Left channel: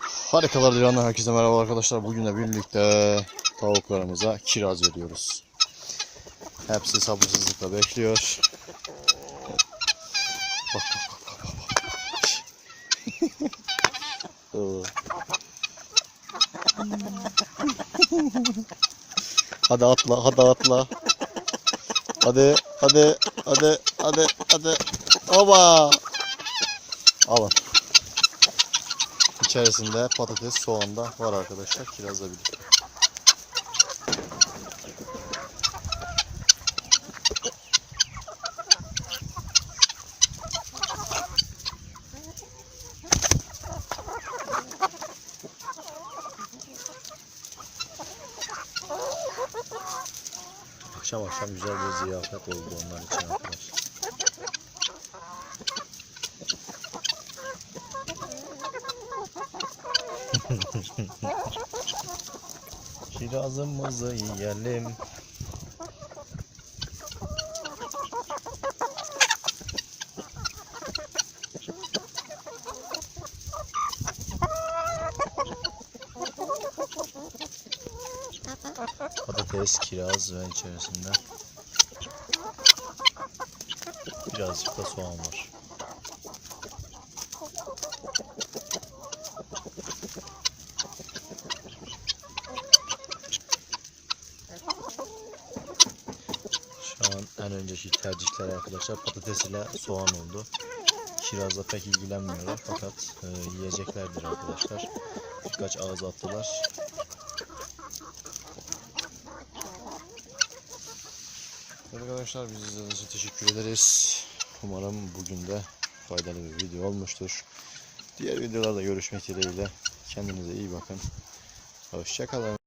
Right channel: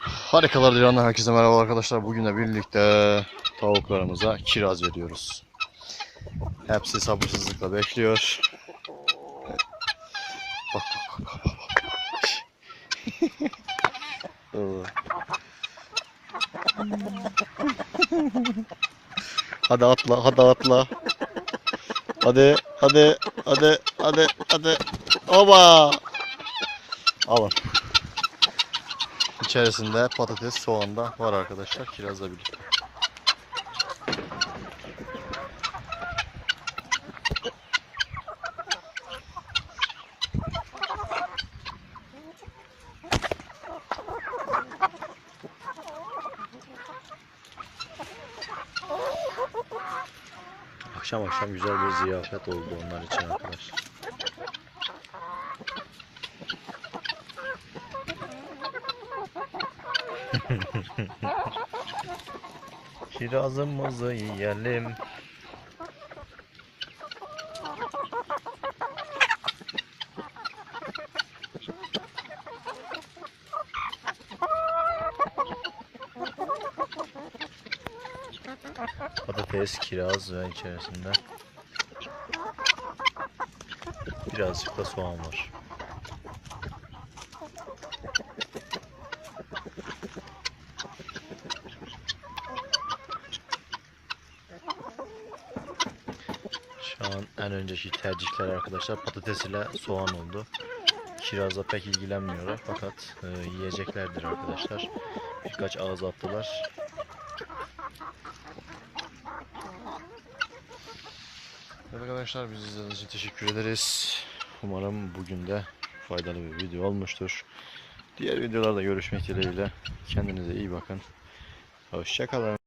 Harikalar Dilan'dan herkese merhaba arkadaşlar. Bugün de birlikte tavuklarımıza kiraz veriyoruz. Hepsi sabırsızlıkla bekliyor. Bak bak bak bak bak. hadi atla, hadi atla. Hadi, hadi, hadi, hadi, hadi. Oba! Alın. İçerisinde patates, soğan da var arkadaşlar. Kirazla birlikte. Akşam akşam güzel bir ziyafet oldu onlar için arkadaşlar. Kirazımızı yiyelim. Patates, kiraz ve içerisinde birazcık da soğan var. Şu en önceki tercihler arkadaşlar patates ile soğan oldu. Kirazla pek ilgilenmiyorlar fakat e, yiyeceklerdir arkadaşlar. Birkaç ağız attılar. Evet arkadaşlar bizi izlediğiniz için teşekkür ederiz. Umarım bugün de faydalı bir video olmuştur. Diğer videolarda görüşmek dileğiyle. Kendinize iyi bakın. Hoşçakalın.